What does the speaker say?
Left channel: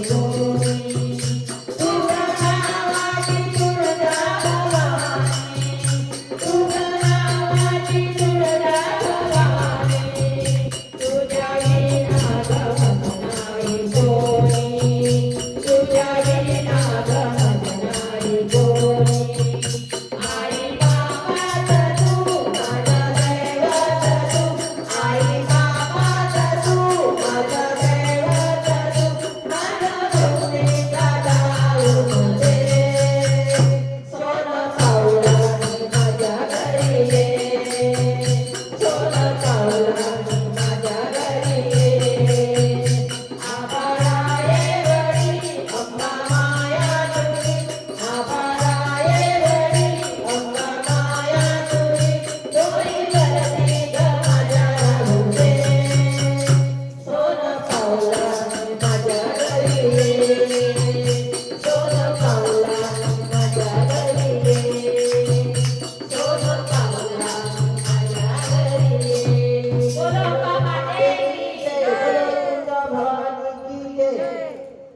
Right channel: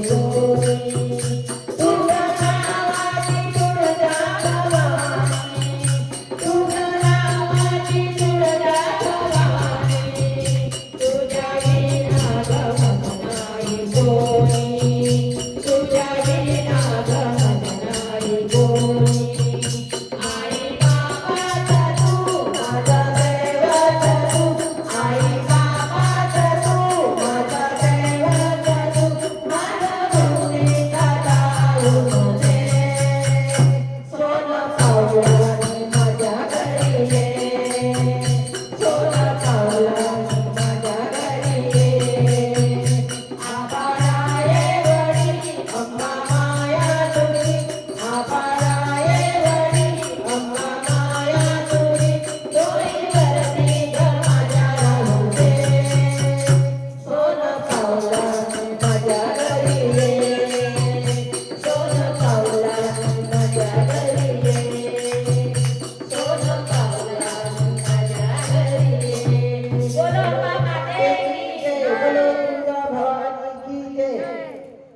Thank you.